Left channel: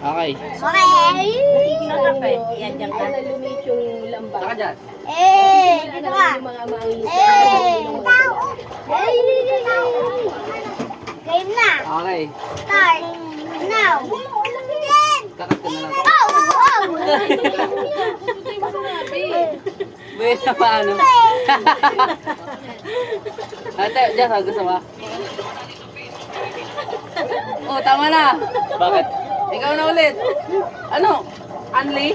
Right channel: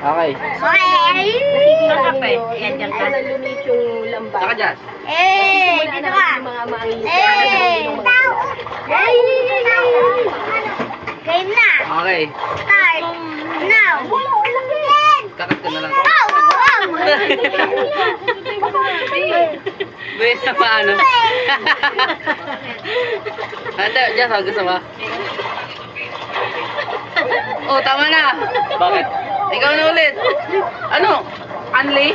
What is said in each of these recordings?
Okay. Nakikita Kape. ninyo, Yan, hindi yan, ko yan. nalumit yung lambat. Saka dyan. Simula na rin yung mga mangingisda. Okay. Kakat ka na lang. May na paano? Ate, dyan, gusto mo? Oh, tama na. Bakit? Ikaw na ulit. Ano? Anli?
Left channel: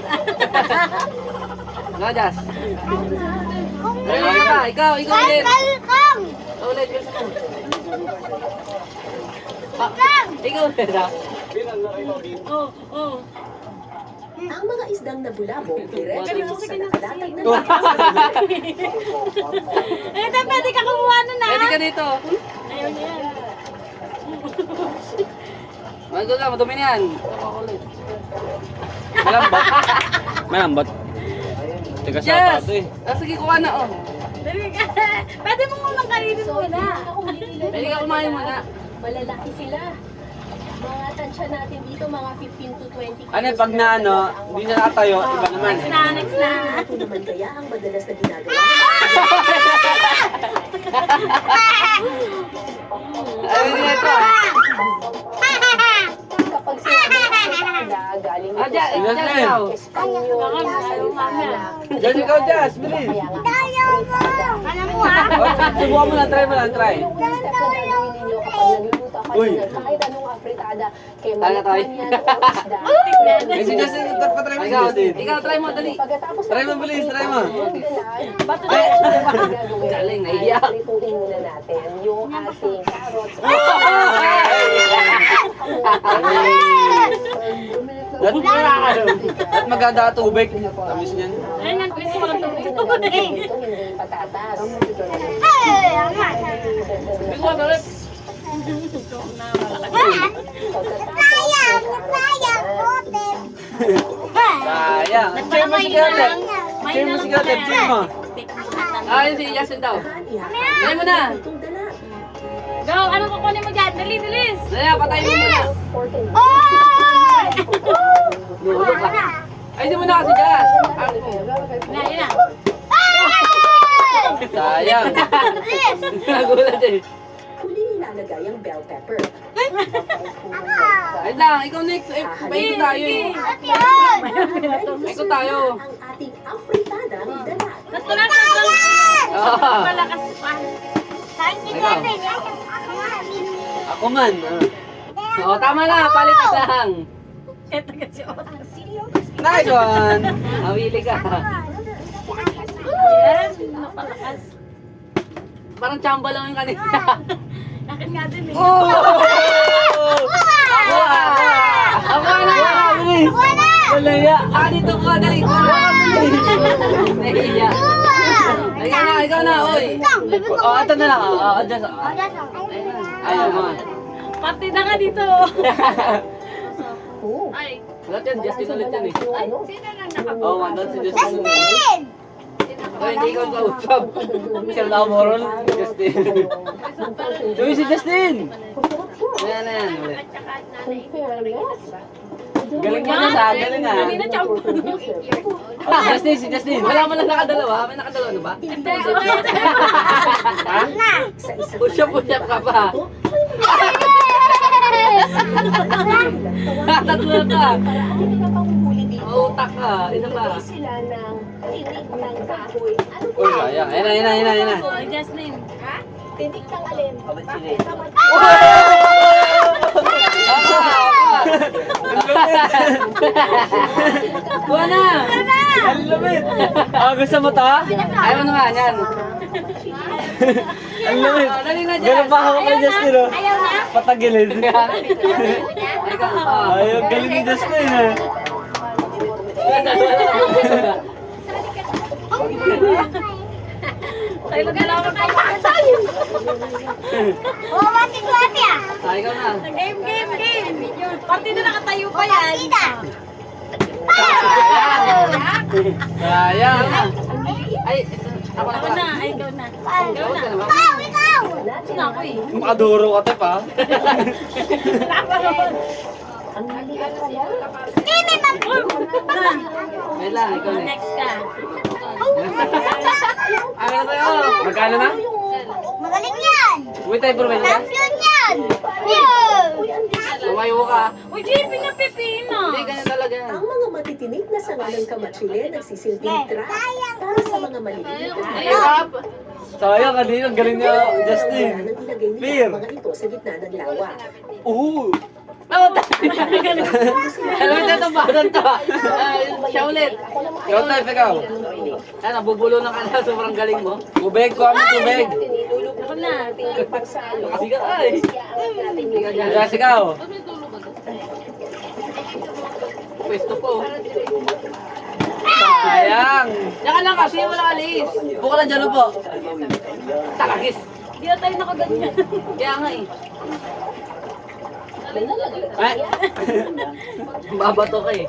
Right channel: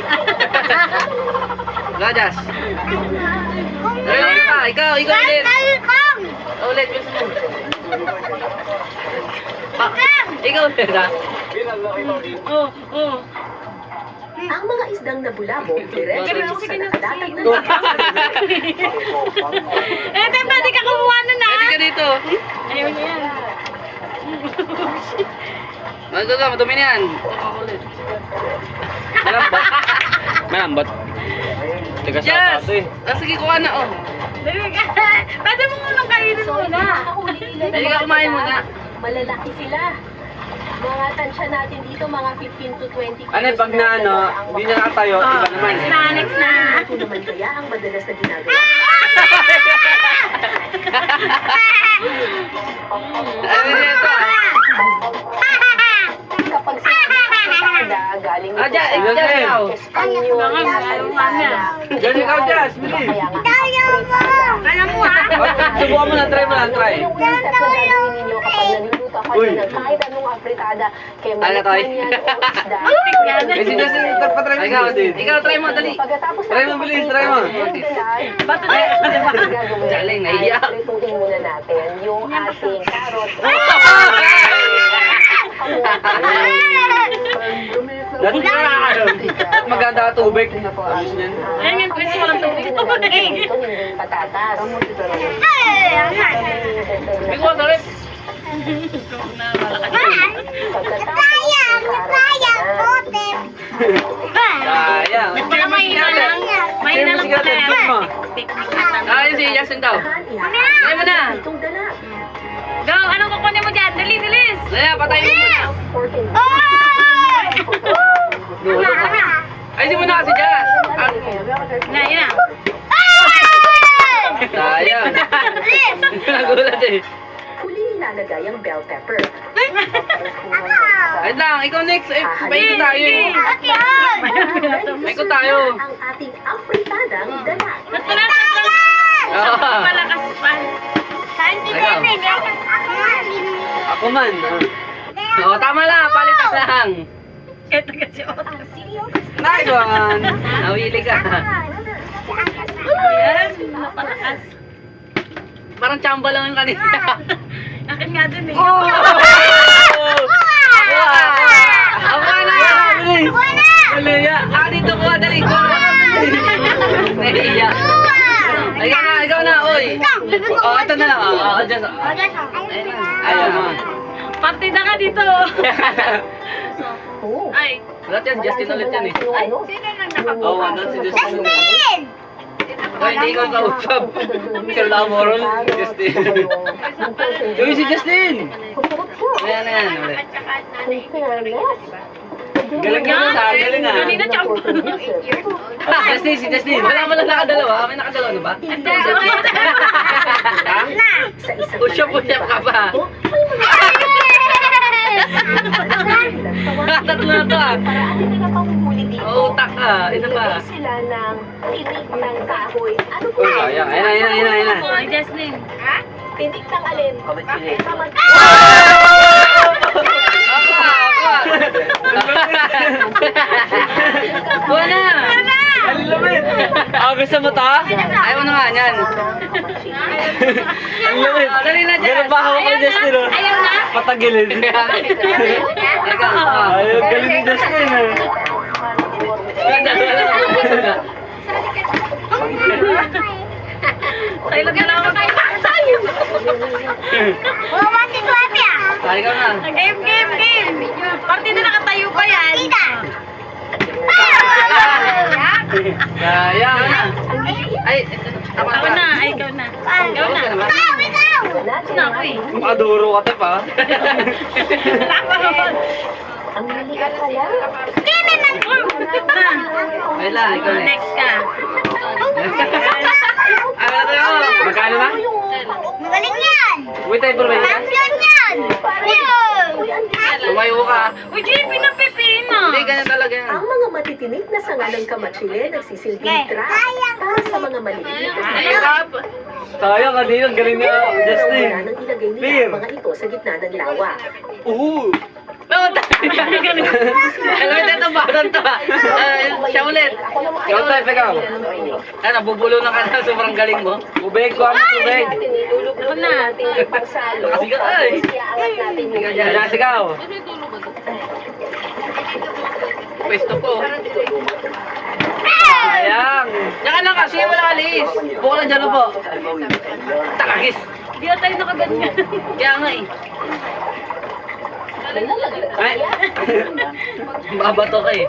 Gajas. Ano ka? Ikaw ulit. Ulit, gusto mo. Ah, ikaw ulit ha? Ang mga isdang nabulabog, diretso sa nakadatag na Pwede ka kumuha na na. Pwede ka dito. Ayaw niya yan. Ano ka? Madumi na yan. Malambat. Malambat. Teka sa Yes. tato eh. Ah, sige, kuha na oh. Pwede mo munang kainin muna. Nakahuli nila Pwede ka kumain muna. Malalaki sila. Mga tansya natin dito, mga 15 to 20 kilos. Ano, pag na ano, hindi na nakatayo, iba naman. Next na. Ito naman kaya ang madalas na ginagawa. Ano na ito ah? Kapag sinabi na galing Ah, dyan, dyan ikaw. Espanyol, Dyan ikaw, Jazz, bilis. Kaya mo ha? Subukan mo na, try mo lang, try. Yung unang step na gagawin ninyo kapag naluluto kayo Uy. ng kahit anong afritada, kaya Tala, Toy. malikman yan o isda. Kasi Justin, patry mo si Justin. Ikaw, try mo, dali. Pagkatapos Try mo, bilis, try mo. Bato na. Galing, naiyak. Prituin muna natin yung ating carrots. Maganda ka tubig. Amis na yun. Ayun nga, gusto ko lang tubig. Ito hindi patatas. Bigwa, dali. Sayang. Baka mahina lang. Mahina lang pala yan. mo. Technique na tanong. Ah, yun si Justin daw. Try mo na. Itong dala. Go, anong kukunin mo dyan? Dali, bilis. Dali, patay mo muna. 14. Lulo ka. Ay, hindi mo na kasi Jazz. Ah, Na, yun na. sayang. Nagulat eh. Huli nilalagay ang bell pepper. Wait lang, ikaw next. Eh, paikot tayo eh. Paikot tayo. Ang ating afritadang dala. Ah. Malakas pa. Ikaw. Ako man. Oo, tama lang. Palitan lang. Ito kasi otas. Nice one. Nawili ka. Ayan, mapalakas. Parang chamba lang yung kanina. Akin nga din eh. Oh! Ako na! Bilis! Malaya! Ah, dito ko, dali ko! Nahiya! Ikaw na, oy! Oh, ito na lang. Oh, dyan. Ayaw mo. Partida ka dito. Oh. Ay. Ulit yan, Justin ulit yan eh. Ano? Sino nang nakapag... Oo, ano si Justin? Oh, hindi ko kausap. Sir Lamoron, Justin. Uy, si Justin! Ayan na yan, ulit. Galing na sa galing na. Kanina chamba. Justin, si Justin. Wala mo lang nakadalawa. May nakadalawa na ba? Ha? Push-up ka pa. Tatlo na to ah. Paraan nila panghuli dito. Oo, utak ka. Isa pa. Nilagay sila ng tinik ng kahoy. Ano po? Uy, sayang. Ayun na. Ay, Jasmine. Ha? Tinik ng alin? Kamat. Buwa na! Ang lumit! Ah, gusto mo to? Ayaw mo naman, yan. Ang lumit. Dali na dyan. Ganun ba hawak ko ni Justin, oh? Ayaw na? Patagilid. Ikaw, ayaw, galing ni Justin, eh. Tayo lang dalawa kayo. Ay, ikaw na. Game. Partida nakatayo pa yan. Kaya. Ay, ako Ako na, ay ikaw na. Ikaw na. Gusto na ako eh. Makaduro ka, Tep, ha? Ang liliit pala. Wait lang, ikaw next. Next ka. Ano na tayo? Magkano na? Magaling yan! Wait tayo, bro. Champion yan! Tumayo ka. Uy, JP, napipina. Hindi, ganyan talaga yan. Ang mga matitinig na sanga ng kamatsile nagsisilbing trap para sa mga maliliit. Hirap. Sayang, kanina. Ang galing niya, Justin. Wala nang ilagay nila Clear. ang mga ito sa gitna ng lawa. Oo. Alam mo ito, bagan to. Siya ulit. Ikaw tayo, ikaw. Ano, bubulo na ka na. Sobrang galing mo. Tubig ko, ano tubig? Ako na. Kasi ka, ay. Kaya sigaw. Pwesto po. Sayang. Diyan lang kasi, wala alis. Buka na dyan po. Takagis. Hindi na tayo nakaganyan. Kaya nga eh. Ay! Babato ka eh.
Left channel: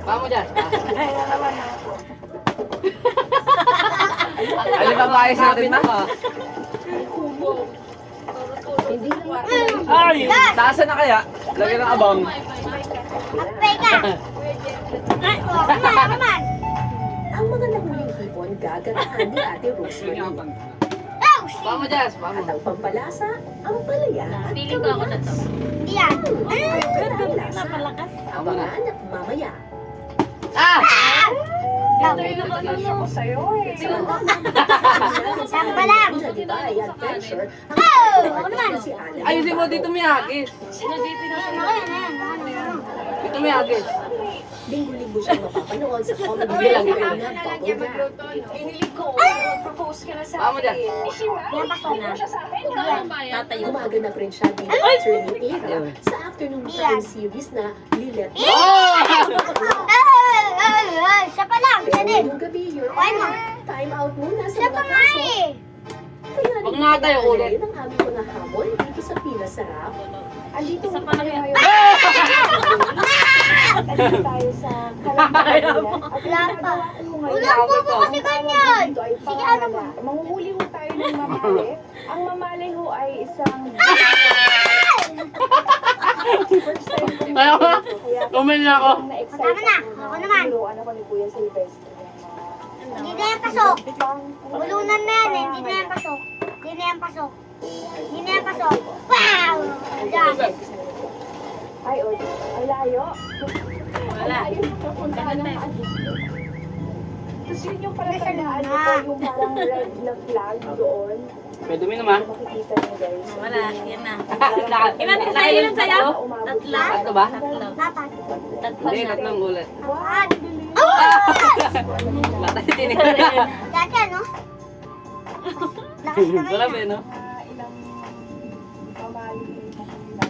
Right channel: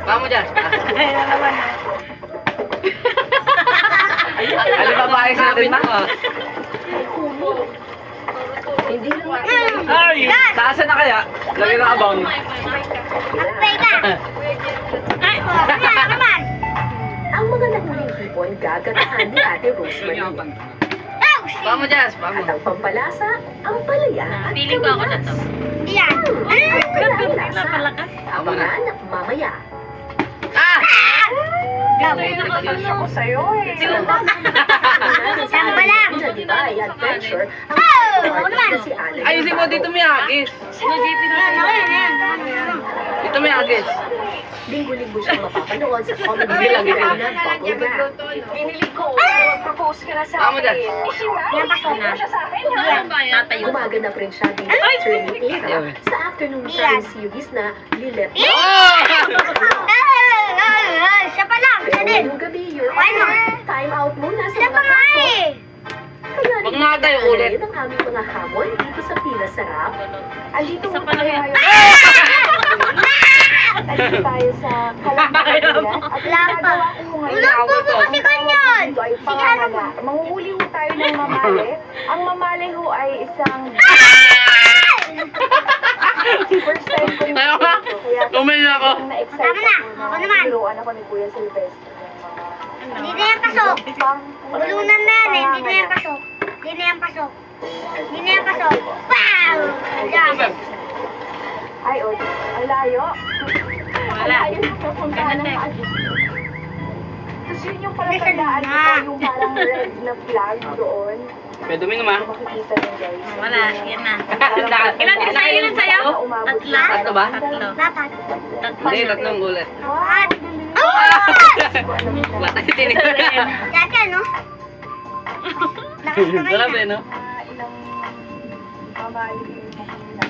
Pamo dyan. Ay, na naman. Ano ba maayos natin na? Ay! Taasan na kaya? Lagyan ng abang. Magpay ka! Ay, wala naman! Ang mga nahuling hipon gaganahan ni Ate Rosemary. Pamo dyan, pamo. At ang pampalasa, ang palaya at Feeling ko ako na to. Hindi yan. Napalakas. Abangan mamaya. Ah! Gawin ako sa'yo eh. Saan ba lang? Nagibay adventure ang Ako naman. si Alan. Ayusin mo dito may agis. Sino JP na Ayan, sa'yo? ayan, ayan. Dito may agis. Linggo-linggo siyang mapapanood sa comedy Bilang, program bilang. ng Bubble Wrap. Pinilig ko, propose ka na sa Pamo dyan. Yan, pasok na. siya sa akin. Yan. Tatayo. Gumaganap rin siya din Trinity Era sa afternoon time series na Lilet. Oh! Siya pa lang, siya Pero din. yung gabi, you're Ano? time out muna sa Siya pa mga nga kaso. eh. Kaya Pag nakatayo ulit. rin ang aming mga hamon dito sa Pila Sarap. Andito Isa mo pa lang tayo yan. ngayon. Andito tayo sa Kalambakayan. At Wala pa. Ulang po po kasi ganyan. Dito ay Sige, ano ba? pangalaga. Manguhuli ho tayo ng mamali. Ang mamali ho ay isang first time ko rin Ayaw ka? dito. Kaya Tumingin ako. na-excite Tama na. ako Ako naman. Biruan ako ni Kuya Silvestre. Hindi na yan pasok. Bulunan na yan eh. Hindi na yan pasok. Hindi na yan pasok. Hindi na yan pasok. Wow! Diyan. Ay, o. Ang layo. Wala. Ang layo na pupuntahan ng Ganun ano. Tapos yun yung pala Listen tandaan na. ko, yung parang red na flag doon. Pwede mo naman. Makikita nyo guys. Wala, yan na. Ilan Ilan ka sa'yo? Ilan sa'yo? Umabot Tatlo. na. Tatlo ba? Tatlo. Dapat. Tatlo. Hindi, tatlong ulit. Wow! Wala tayo tinignan. Dati ano? Lakas naman Sarap yan. eh, no? Ilang mamali yung makikita.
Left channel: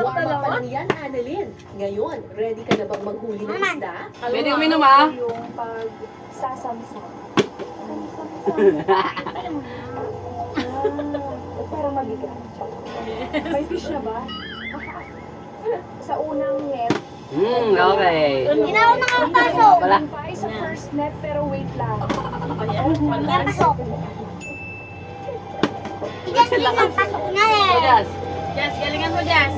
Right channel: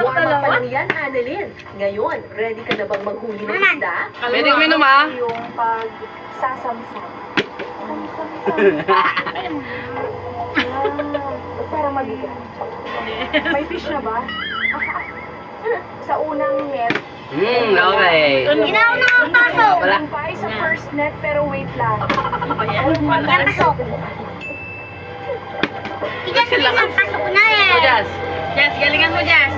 Warm up pa lang yan, Annalyn. Ngayon, ready ka na bang maghuli ng Naman. isda? Pwede kami naman. Yung pagsasamsam. Parang mabigat. May fish na ba? Sa unang net. Okay. Hindi na ako nakapasok. Wala. Yung pa sa first net pero wait lang. Yan pasok. Tigas din ang pasok na So, eh. Jazz. Jess, galingan mo, Jess.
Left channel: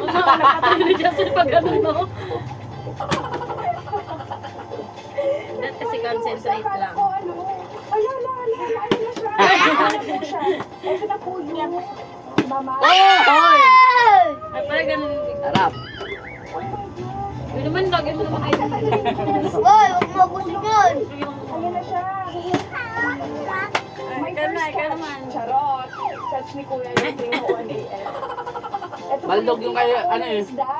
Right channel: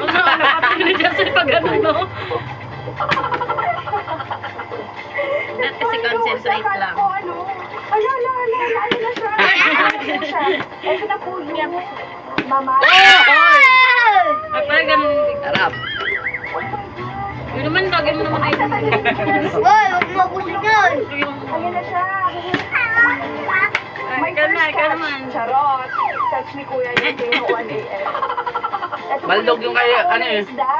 Napatay ni Jess sa pag ano, no? That kasi concentrate Akala lang. ko ano. Ala, ano na siya? Ano na siya? Ito na po yung mama. Oh! Hoy! Ay, parang ganun. Harap. Yun naman, dagay mo naman ay. Boy, huwag mo gusto yun. Ayan na siya. My Ikaw na, first ikaw catch. naman. Charot. Catch ni Kuya yung tuwing 1 a.m. Ito po Baldog yung kaya, ano eh. isda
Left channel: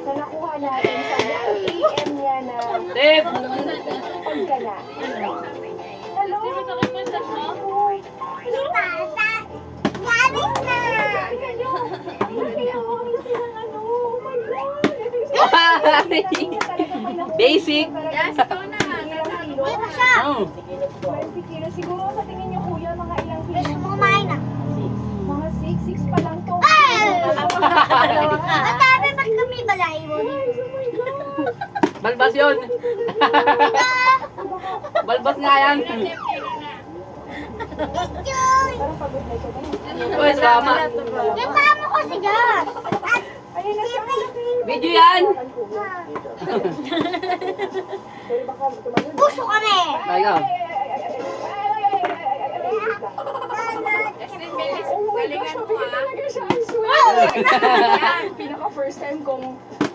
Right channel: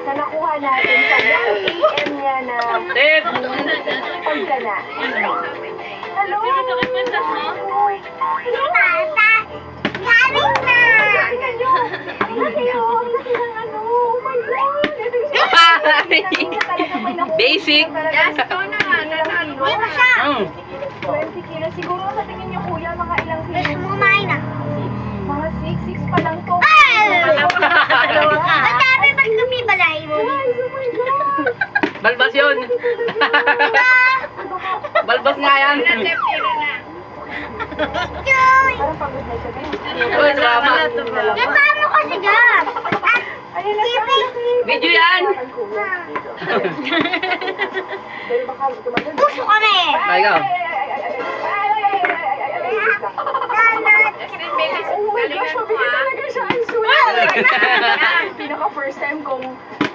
na nakuha natin sa 1 a.m. niya na Tip! pagkana. Hello? Uy. Tata, galing na. Tingnan nyo. Ang laki oh. Ang laki ng ano. Oh my God. Ito yung Basic. Hindi pa siya. 20 kilos. Siguro sa tingin niyo kuya, mga ilang Gusto kilos? mo kumain na. Mga 6 pa lang to. Ay! Ang dami ba't kami balay mo? Guys, oh my God. Balbas yun. Balbas nga yan. Joy! Parang pagod na siya ngayon. Uy, drama. Ipahan mo kasi dyan. Ayun na siya. Video yan. Pero baka tumagal. Puso kami. Ay, ikaw. Oh my gosh, mabigyan talaga siya. Ang sweet. Pinaka first time kong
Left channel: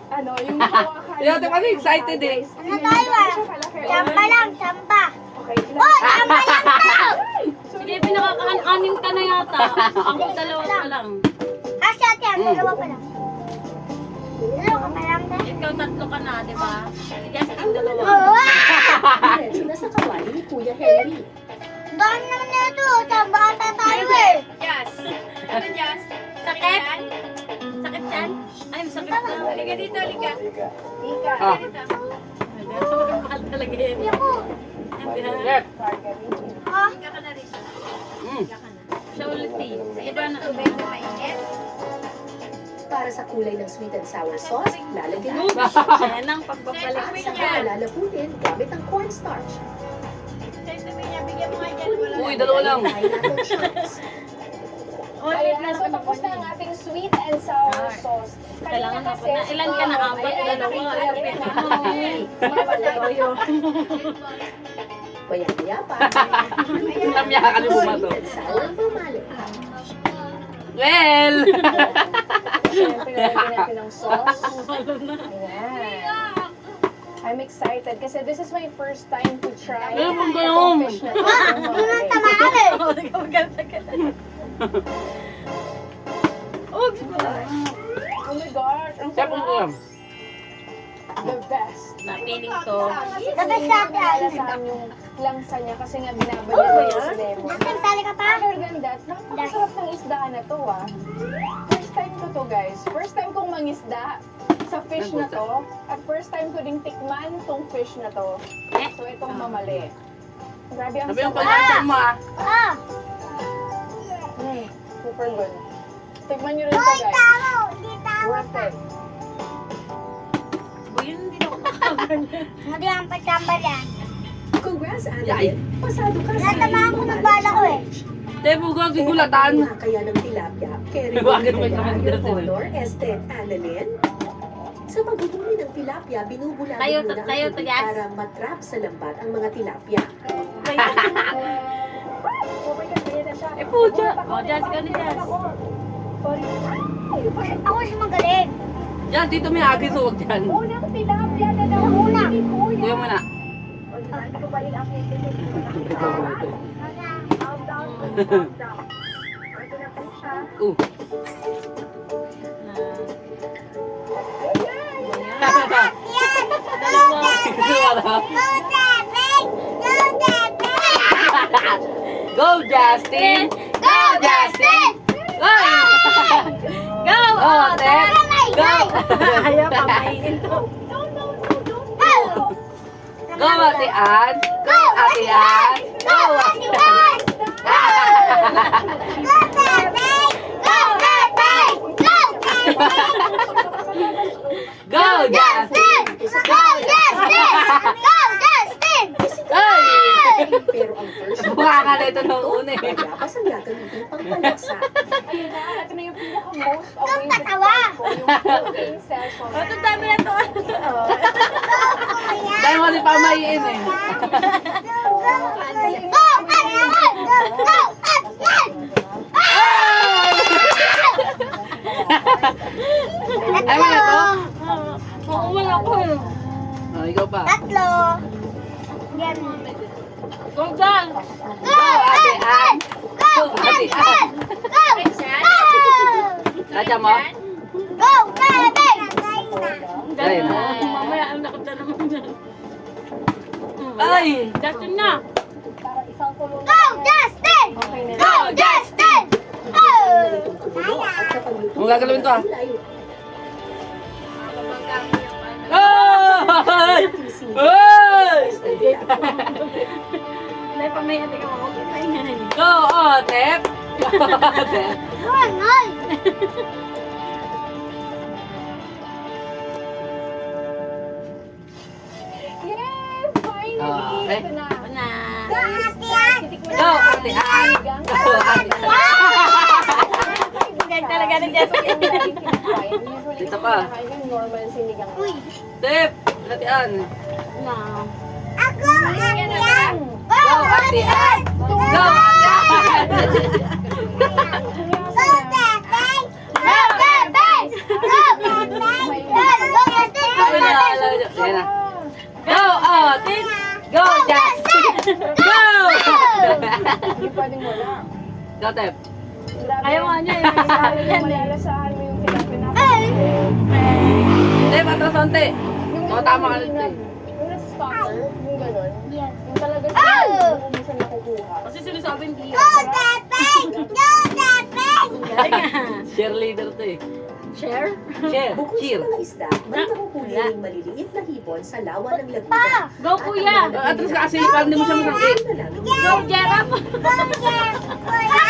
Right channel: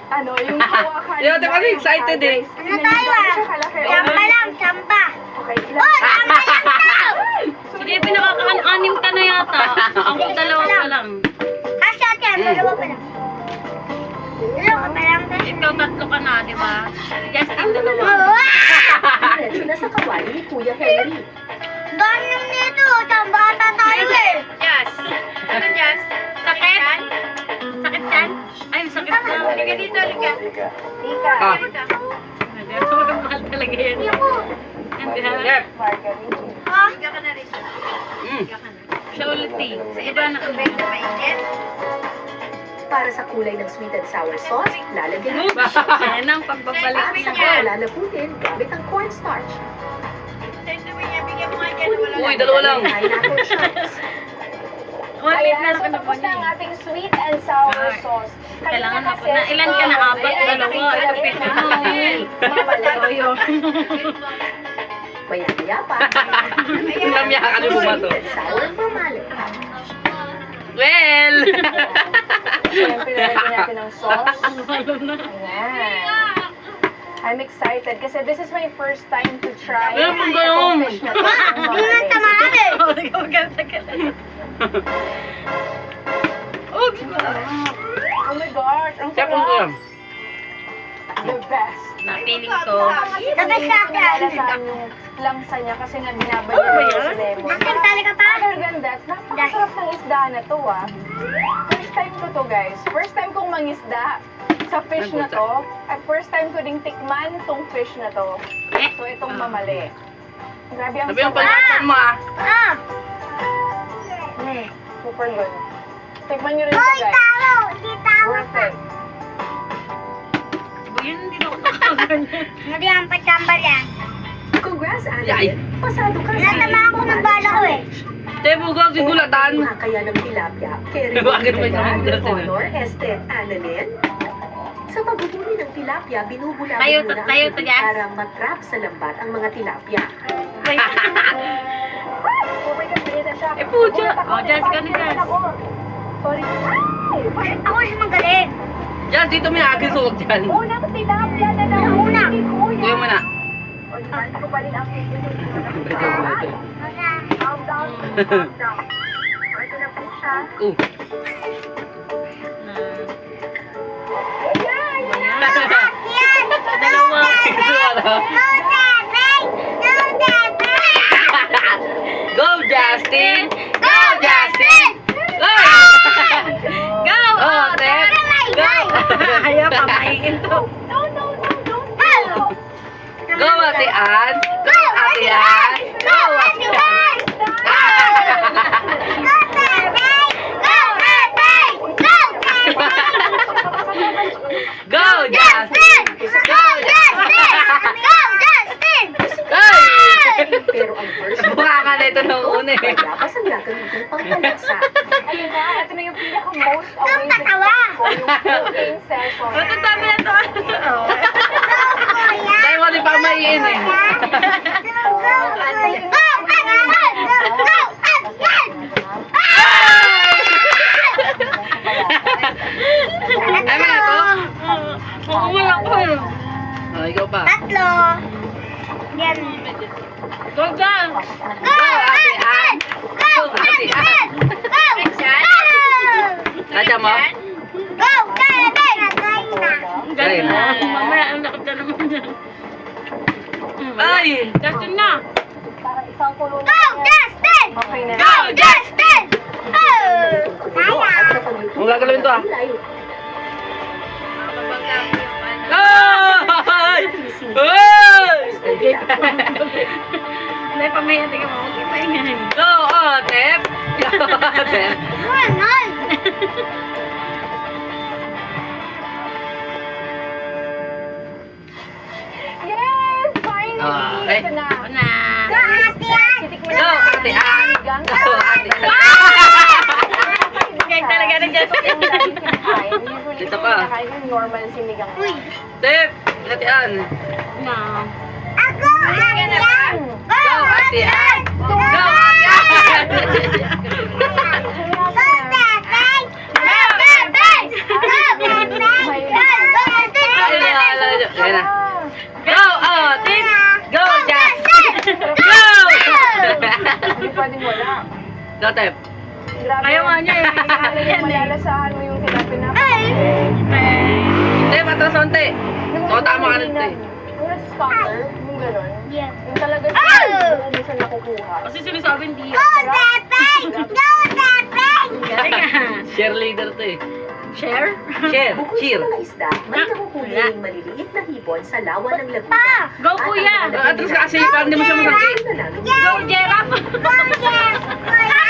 ano, yung hawakan. Yo, di ba excited eh? Ano tayo ah? Champa lang, champa. Okay, Oh, champa lang daw. Sige, pinakaka-anim ka na yata. Ang dalawa pa lang. Kasi ate, dalawa pa lang. Dalawa pa lang tayo. Ikaw tatlo ka na, di ba? Justin, dalawa. Diretso na sa kawali ni Kuya Henry. Dami lang nito. Chamba ata tayo eh. Jazz. Ano Jazz? Sakit? Sakit yan? Ay, sakit na. Halika dito, halika. Ah. Sobrang mahal talaga yan. Ako. Chef. Ha? Halika ka na rin. Mm. Siya ulit eh. Sa iba na tubig na mainit. Para sa kulay ng sweet and sour sauce, lalagyan ng Yan ang pagbabalik at niya. saka lalaputin gamit ang cornstarch. Bigyan mo nga dyan. Uy, dalawa lang. Pineapple chunks. Ulit na Ayan, so tapos na ang ating sweet and sour sauce. Kailangan Kanina ako kasi, na. Ilan ka na? Apat, ay, dalawa. nakita Ano? Mamalayo. Maya-maya pa. Lamya ka ni bumato. Sweet and sour mamali. Well. Siyempre, nalagyan natin ng sauce. Ayan. I'm excited kasi this is my first time to try Ano pang ganun? itong fish na to. Ang Hindi na mamali. tamaan eh. Oh my gosh, ang Chef, ano sarap. yan? The best. Napiling ko. Tapos sa atin. Lalasahan yung langsa niya kasi nga binabayan niya sa lemon. Nasaan tali ka pa? Other than that, napakasarap ng isda na to ah. First time ko to guys. First time kong mangisda sa fish na to. At first time ko ding tikman tong fish na to. So itong mamali. Grabe ang Sabi yung sarap. pag-answer mo ah. Ah. Super good. Tikman nyo rin ito Hoy, guys. tao. Di tao. Worth it. Yun, hindi na ako nakaganyan. Hindi ang pachamba yan. Congrats, Yay. Annalyn. Pasado ka sa Natama ako ng bala ko eh. Tebo, gawag sigulatan. Mga kaya ng tilapia. Kerry, Bakit may Kaya, naman Honor, Esther, Annalyn. Sa paghuhuli ng tilapia, binubulabog Tayo, muna ang tayo, tubig Jazz. para matrap sa lambat ang mga tilapia. Oh my God, ganyan na siya. Eh, pucha. Oh, Jazz, ka na, Jazz. Sorry. Ako si magaling. Yan, dito may agis huwag dyan. Unang tilapia na daw. Una. Ni Kuya. Kuya mo na. O, saan ko pa rin ang calm down. Ito na po siya. Oh. Yan. Dalawa. Go, Justin! Go, Justin! Go! Go! Oh, Tep! Go! Ayaw, pamahiin to. Go, Ate Ann! Go, Ate Ann! Go, Ate Ann! Go, Justin! Go, Ay! Pero ang first Mukha ka na ito nung una eh. Dapat ang gagamitin pang panlasa. Ayun na, ito na yung pinaka-most amazing patawa. part ko, yung cooking session. Ba't ang dami na to? Dahil mo di pa maiin eh. Ay, mo na to? Oo, wala ko eh. Oh, ikaw pa. Tatlo. Yan. Go, Jan! Go, Ate Ann! Go, Ate Ann! Nadya mo? Go, Kevin! Galing na. Mamaya, ang lakad na naman dyan. Ay! Justin na! Parang isang kulo na Go, yan. Justin! Okay na. Go, Justin! Go! Ang gagalawin to ah. Kulay. Ay! Ay! Dahil pamahiin, tingnan mo, huwag ipahingahin. Go, Otep! Go, Otep! Ganon! Yes! Finally! Okay. Ito na. Ako na. Go, Ate Ann! Titikman Go, na. Ate Ann! lang. Ganyan talaga na dyan. Yung laging kinakain. Usually, Dito pa. kinakain yung normal sinigang. Step! Hatian! No. Ako, Atian! Go, hatian! Go, hatian! Go, Bebeng! Go, Bebeng! Go, Bebeng! Ay, naalala nyo. Ayan na. Go, Otis! Go, Justin! Go! Hindi pwedeng wala. Go, Tep. Grabe. Ayaw nga niya eh. Malalasahan mo yung pinapinapin. Hindi, matras onti. Oo, tama ka nun, te. Yung spotter, yung gano'n. Yeah. Yung talaga siya, yung minsan nakukuha. Kasi sinasabi hindi Go, Bebeng! Go, Bebeng! Share leader to eh. Share? Share. Bukod Cheer. sa mga isda, may nakuhuli ring maliliit na hibon sa lawa ng laguna. Go, kuya! Atras ka kasi, parang hindi mo siya masakit. Go, Jerap! Go, Jeff! Kuya!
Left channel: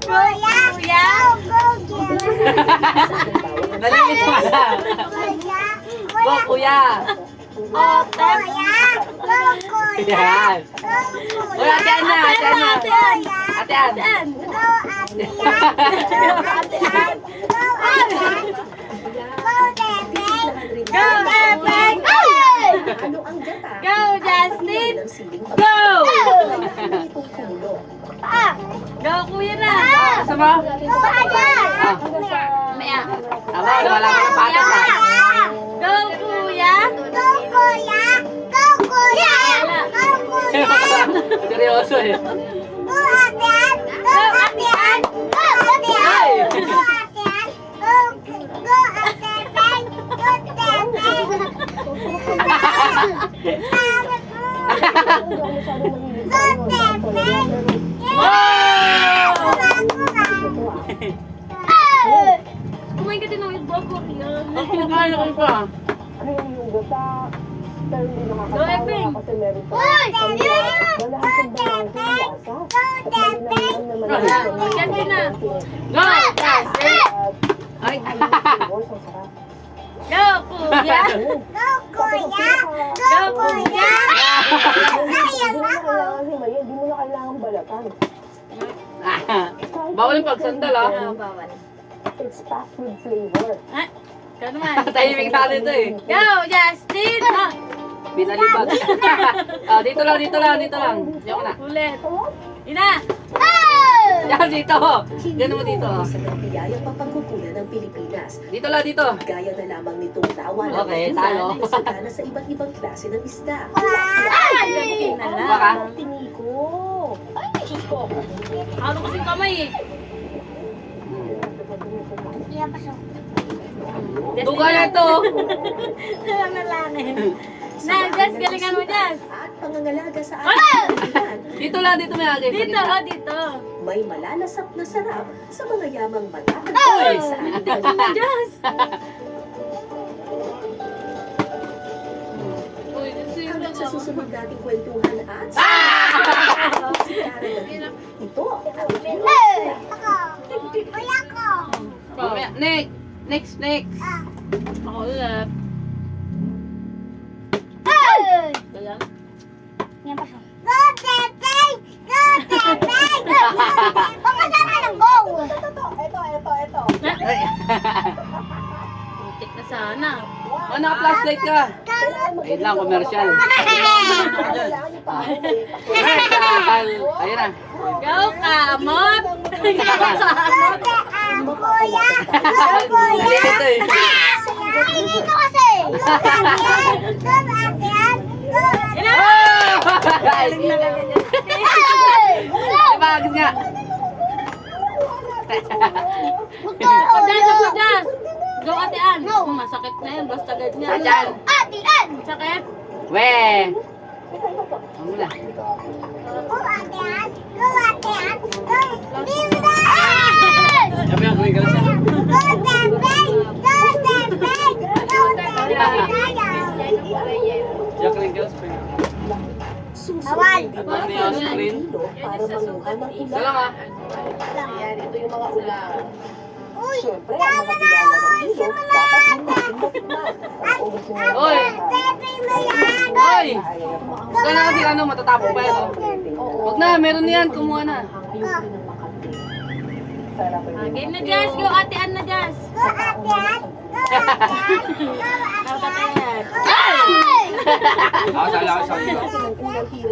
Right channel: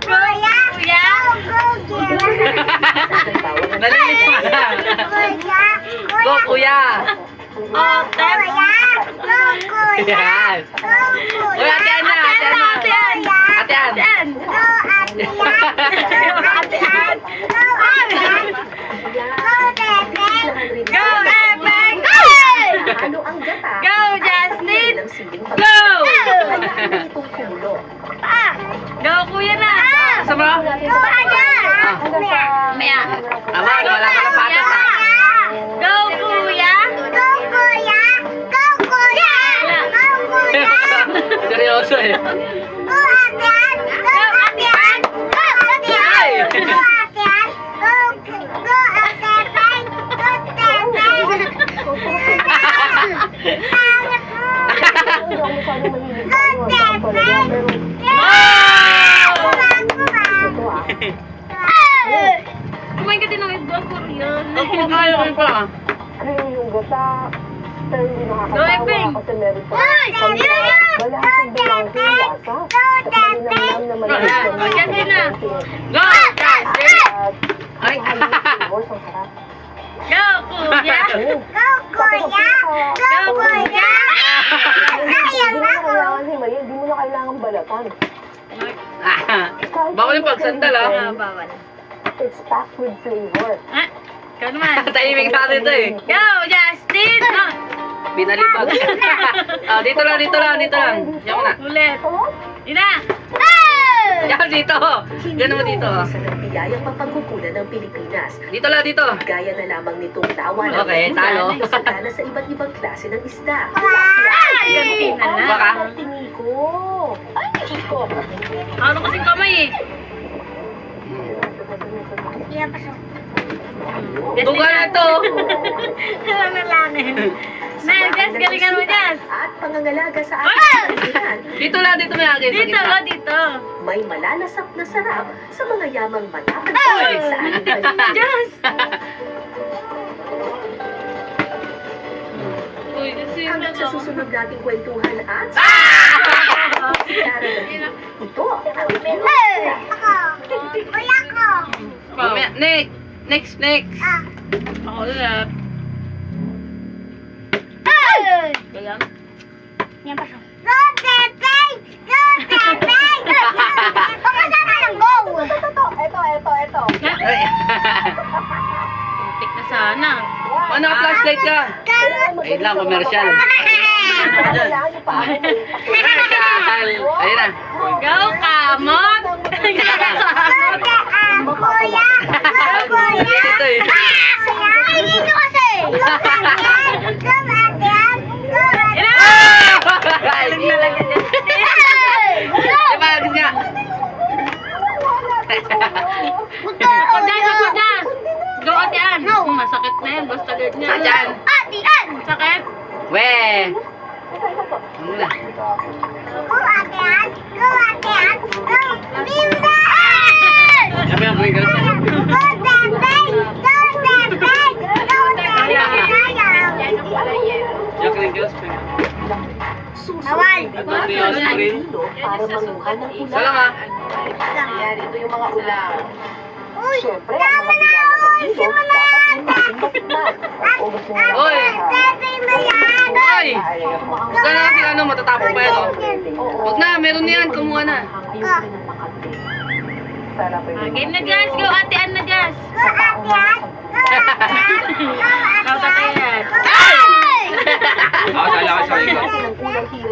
Kuya! Kuya! Go, Jeff! Nalilit mo na. Kuya! Go, kuya. Oh, Tep! Kuya! Go, kuya! Yan. Go, kuya! Uy, atian na, atian na. Atian. Go, Atian! Go, Atian! Go, Atian! Go, Bebeng! Go, Bebeng! Ano ang gata? Go, Justin! Ng siling Go! Hayaan mo itong kumulo. Go, kuya na! Kasama? Go, Atian! Maya. Tama, wala ka ng patas ha. Go, kuya! Go, kuya! Go, kuya! Go, kuya! Seryoso eh. Go, Atian! Go, Atian! Go, Atian! Go, Atian! Go, Atian! Go, Atian! Kumain ka din ng iba, Korean. Ako kaya ko pa. Cream yung gata, pero hindi Go, nakakatawa Epeng! kasi meron pa. Go, Wala akong bulangin lasa. At malinamnam na malamig. Go, Justin na! Go! Justin! Ay! Flavors, ang sarap. Go, kuya! Go, kuya! Go, kuya! Sayang Hindi mo na ako! kailangan himayin, hindi mo na kailangan balatan. Bawal yung pagsandal ah. Bawal. It's packed with flavor. Ah, ikaw naman. Tahimik natin to eh. Go, Justin! Ah, Binalibag. Dito lang, dito lang, dito lang. Diyan mo na. ulit. Ina! Yan, dito. Yan mo dito. Sa nagbiyayang mapagkukunan ng Pilipinas. Dito lang, dito. Gaya na lamang nitong lawa ng Okay, talo. na isagana sa iba't ibang klase ng isda. Ganti na lang. Baka. Tiniko. Ay, Diyos ko. Ano kasing kamay eh? Iya, pasok. Duga na to. Nalalanin. Na, Jess, galingan mo, Jess. At pangangalaga sa ating kaibigan. Dito lang, dito may agad. Dito, dito. May malalasap na sarap sa mga yamang matapag Uy! sa ating kaibigan. Jess! Uy, kasi Hanggang sa susunod nating kwentuhan at si Cara David. Ito ang Ako! Kuya ko! Mamaya, next. Next, next. Ako ulit. Galang. Yan, pasok. Go, Bebeng! Go, Bebeng! Baka sana ng go! Ito. Ay. Tik na sana. Oh, naka-flashlight ka. Wait lang, commercial. Kailangan niyo pa ako. Commercial. Ayun na. Go, kamot! Kuya! Go, kuya! Ito eh. Ay, dito kasi! Go, Atian! Go, Atian! Go, Atian! Ay, diba, agad nga. Gusto Ako, ko Jess, ako, Jess. Go, Atian. Masakit na yan, basta ganyan. Sa dyan. Atian! Sakit? We. Ano na? Go, Atian! Go, Atian! Go, Bimba! Sabi ang green girls. Go, Bebeng! Go, Bebeng! Go, Bebeng! Yung green girls. Bawal. Susunod natin ang hilo para manguha ng Isa ulam. lang ah. Ayan, ito yung mga ulam. Siyempre, ang mga biyaya ng ilog, dapat din natin matikman. O gusto nyo Oy! Hoy! Huwag Huwag ka na kasi ano, matatapos pa yan, oh. Huwag na, meron na yan, kumuha na. Ayoko rin ng makati. Sarap rin. Game na, Jazz. Go, Ate Ann na, Jazz. Ikaw, Ate Ann. Ako, sali ako sa likod.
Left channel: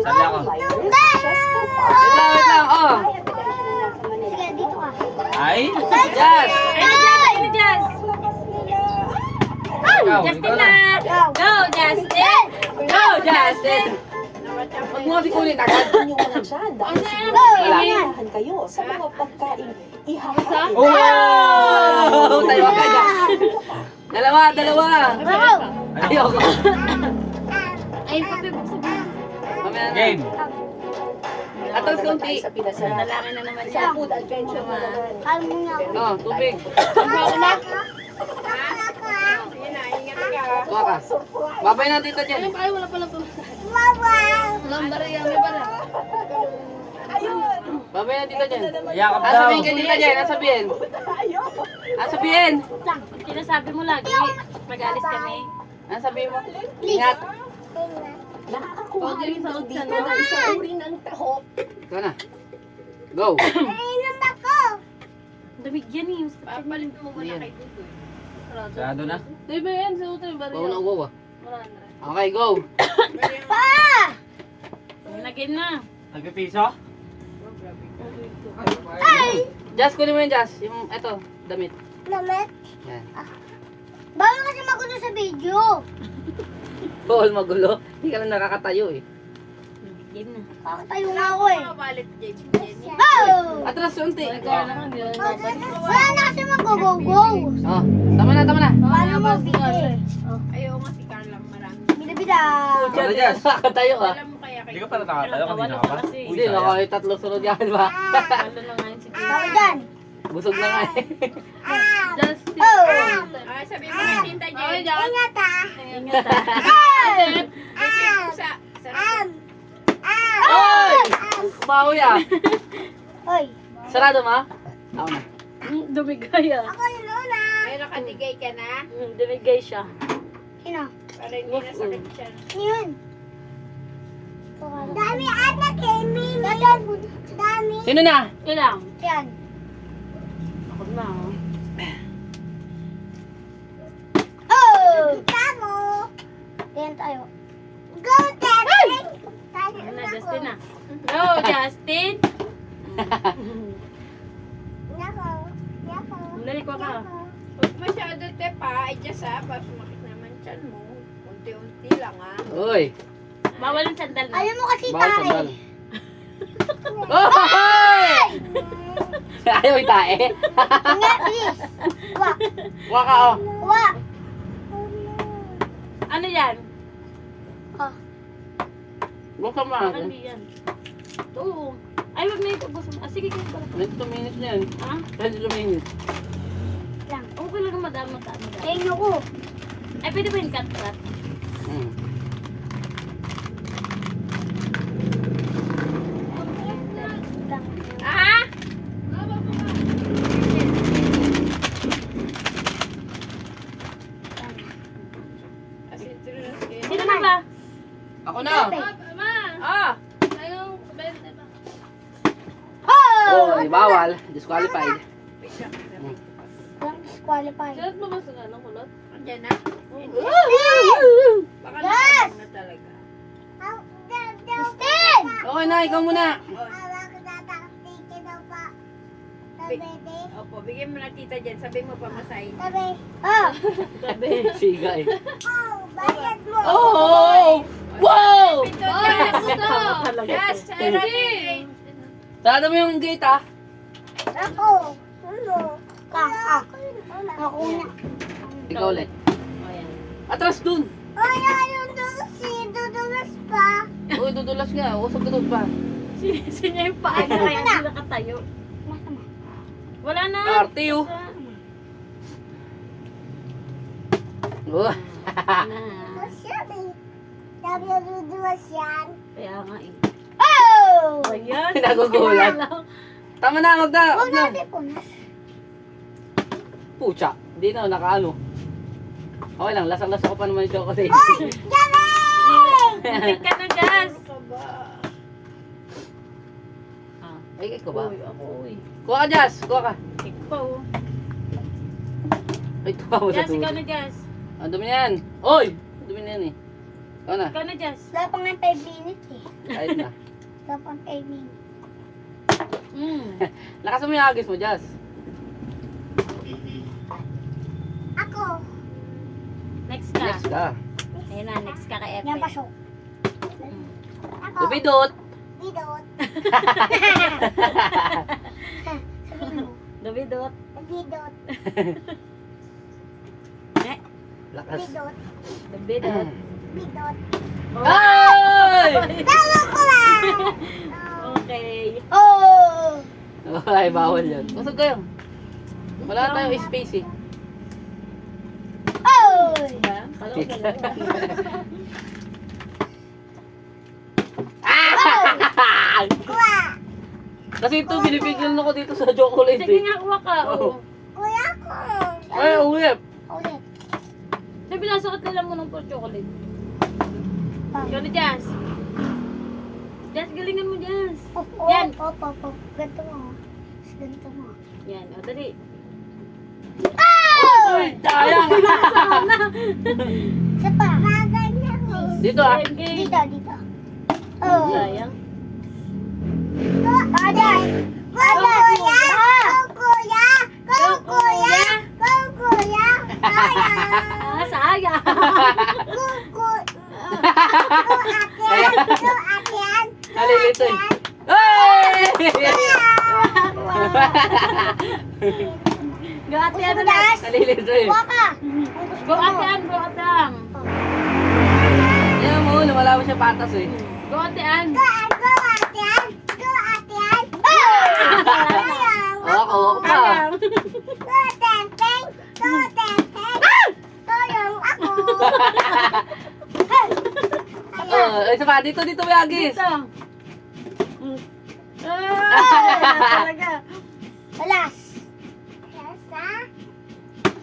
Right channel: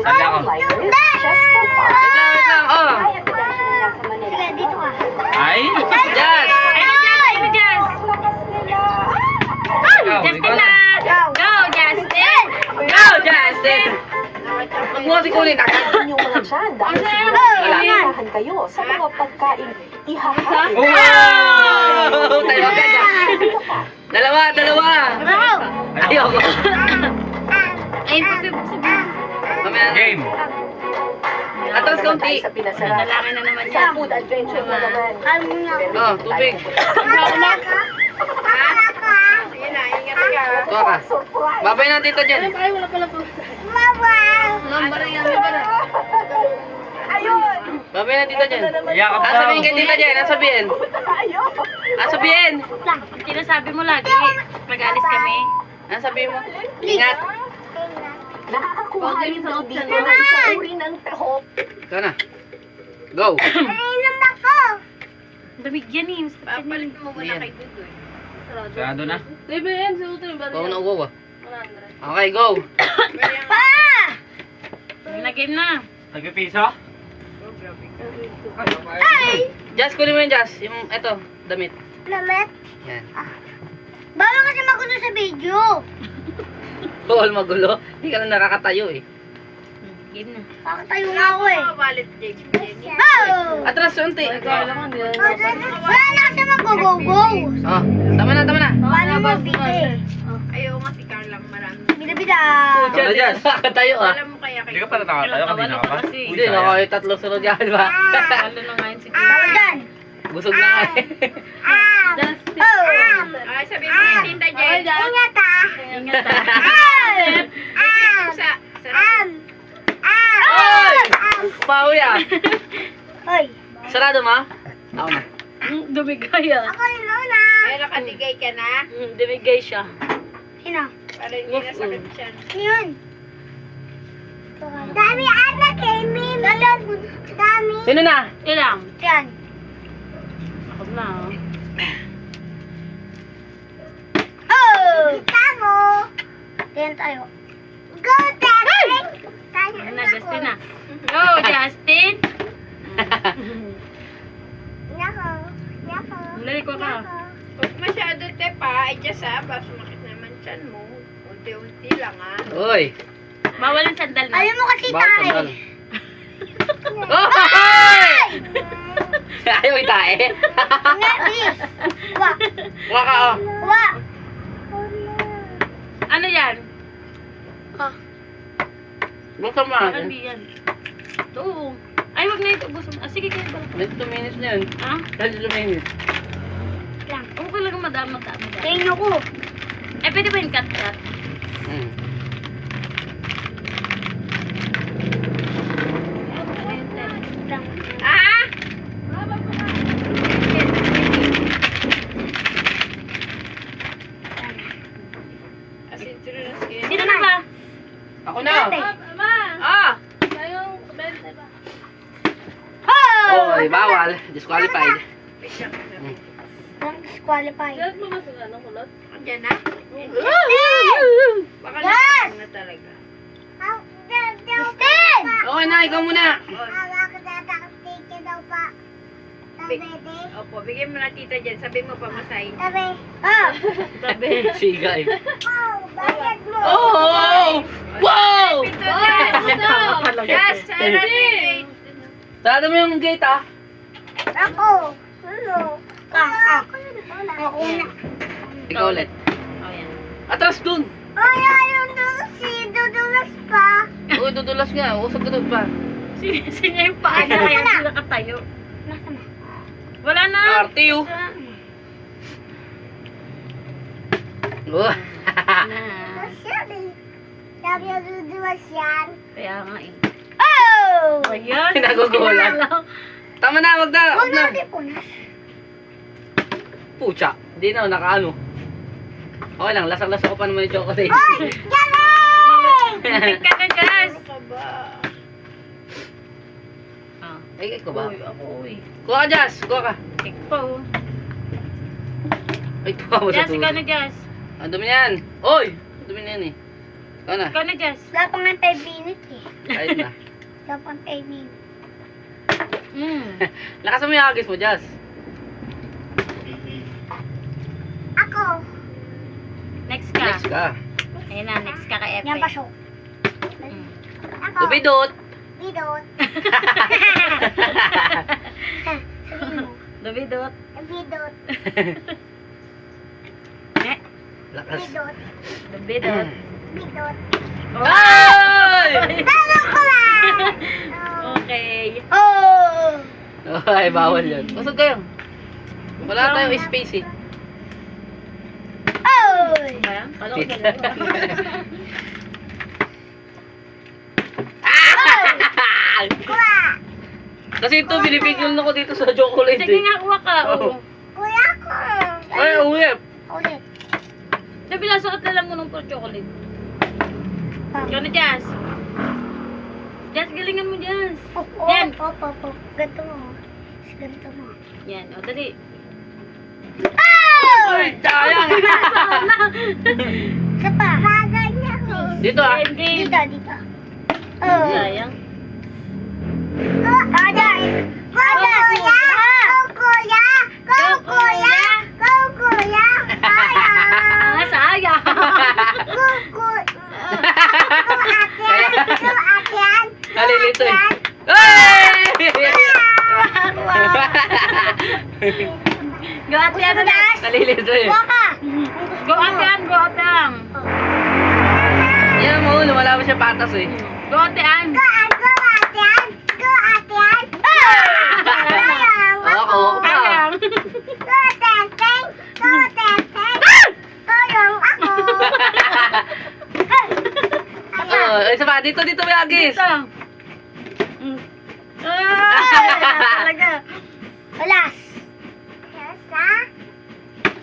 Sali ako. Wait lang, oh. Sige, dito ka. Ay, Jazz! Ay, na, Jazz. Ay, na, Jazz. Ikaw, Justin ikaw na. na. Go, Justin. Go, Justin! Huwag mo kasi kunin agad. Inyong mga dyan, dahil siguro Wala. iihahan kayo sa mga pagkain ihahain. Wow! Tayo ka dyan. Dalawa, dalawa. Ayoko. Ay, pagkibuksan. Mamaya na. Game. Atras kaunti. Sa pinasarap. Lalaki na naman Sa siya. food adventure na naman. Oh, tubig. Tuwa ka. Babay na dito dyan. Babay na dito dyan. Yakap Ang daw. sabihin kay tita dyan, ang sabihin. Ang sabihin. Sinasabi mo lagi, mag-alis kami. Ang sabihin mo. Ingat. Nakakakuha rin daw dito ng isang uri ng tahok. Ikaw na. Go. Damig yan eh. Papalit mo muna kay Sarado na. Go na ugo ah. Okay, go. Nag-game na. Nagpipiso? Just kunin mo yun, Just. Yung, eto, damit. Lamet. Yan. Bawal kasi magulo sa video. Bawal magulo. Hindi ka na nakakatayo eh. Game na. Pakatayo nga ako eh. Oh! Atras, unti. Wala na kasi mag-go-go. Oh, tama na, tama na. Paano mo bili? Ayaw nga si Carla marami. Bida-bida. Tama na, nakakatayo ah. Alam mo kaya Hindi ka pa nakakatayo kanina ka pa? Kasi. Hindi, nakakay tatlo sunod yan, ba? Lalo na ngayon si Tita. Tawag dyan. Busog na nga eh. Oh! Ay, sabi mo kay Tinda Jen. Ingat ah. Ingat Oy! Bawi ah. Hoy. Sarado ma? Ako na. Dumigay ah. Ako yung Lola. Pero katigay ka na? Dumigay siya. Sino? Para hindi na sakit siya. Yun. Dami ata kay Mimi. Dami. Sino na? Ilang? Yan. Ako na oh. Oh! Kita mo. Tingnan tayo. Go, Tetris! Ano na, Justin na. Go, Justin! Nako. Nako. Lali ko ka. Huwag masyado te pa, adjust ha, para sumakit naman tiyan mo. Unti-unti lang ha. Uy. Bawal ang sandal na. Alam mo kasi Bawal tayo. sandal. Oy! Ayaw itae. Hindi, please. Wa. Waka oh. Wa. Ano yan? Buksan mo Baka natin. hindi yan. Oo. Ay, wag na ito. Gusto mo. Ah, sige, kayo pala. 22 minutes na yun. Ha? 22 minutes. Lang. Oo, ko lang madami. Sa inyo ko. Ay, pwede ba yung cut-cut? Hmm. Ah! Asintulo na skin. Sino na ba? Ako na. Ah! Oh! Oy, bawal. Disqualified. Don't disqualify. Andiyan na? Baka Yes! nakapag na talaga. Justin! Okay na, ikaw muna. Opo, bigyan mo na tita dyan. Sabi mo pa masahin. Tabi. Oh! Sabi. Siga eh. Oh! Bayad mo! Oh! Wow! Yes! Sarap! Sarado mo yung gate ah. Ako! Ano? Ka! Ako na. Ikaw ulit. Atras dun. Ay, ayaw doon si Dudulas pa. Uy, dudulas nga. Usag ka doon pa. Sinya yung paa niya kaya sila katayo. Wala na. Arte oh. Oh. Sabi na Dudulas yan. Kaya nga eh. Oh! Ayan. Nagugulat. Tama na, wag na. Huwag Wag na. natin punas. Pucha, hindi na, nakaano. Okay lang, lasang-lasa ko pa naman yung chocolate. Tik ka na, Jazz. Ano ka ba? Ah, Ay, ikaw ba? uy, ako, uy. Kuha ka, Jazz. Kuha ka. Tik pa, oh. Ay, tuwa mo sa Jazz, ikaw na, tubig. Jazz. Ang dumi yan. Oy! Ang dumi na yan eh. Ikaw na. Ikaw na, Jazz. Wala pa nga 5 minutes eh. Ayos na. Wala pa 5 minutes. Lakasan mo yung agis mo, Jazz. Ako. Next ka. Next ka. Ayun na, next ka kay Epe. Yan pasok. Ako. Dubidot. Bidot. Sabihin mo. Dubidot. Bidot. Lakas. Bidot. Dubidot. Bidot. Ay! Talo ko lang. Okay. Oh. Ay, bawal yun. Pasok kayo. Wala tayong space eh. Oh. Ba yan? Paano ko Tita. Kuha. Kasi ito, binibigyan ako dito sa chocolate Sige eh. nga, kuha ka. Oo. Oh. Kuya ko. Ay, uwi. Ulit. Sabi lang, sukat na lang mo ng chocolate. Ikaw na, Jazz. Jazz, galingan mo, Jazz. Yan. Ganito mo. Ganito mo. Yan, o, dali. Uy, sayang. Isa pa. Bagay niya ako. Dito ah. Game. Dito, dito. Oh. Sayang. Aday! Kuya! Kuya! Kuya! Kuya! Ah, sayang. Nalilito eh. Ay! Go at yan. Nalilito eh. Go at yan, go at yan. Yan mo, lumalabas siya patas eh. Go at yan. Ako pa. Sayang. Oh, isa pa, dito may agis. Dito. Ah, talaga. Alas!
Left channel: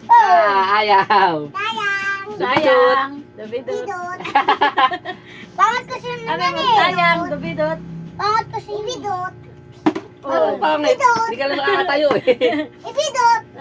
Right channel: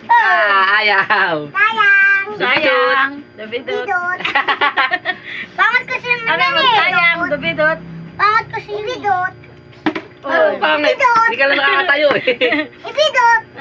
Ayaw. Sayang! Sayang. Dubidot. Bidot! Pangat ko siya Ano naman mo, sayang. Dubidot. Pangat ko siya bidot! Oh, pangit. Hindi ka lang nakakatayo eh.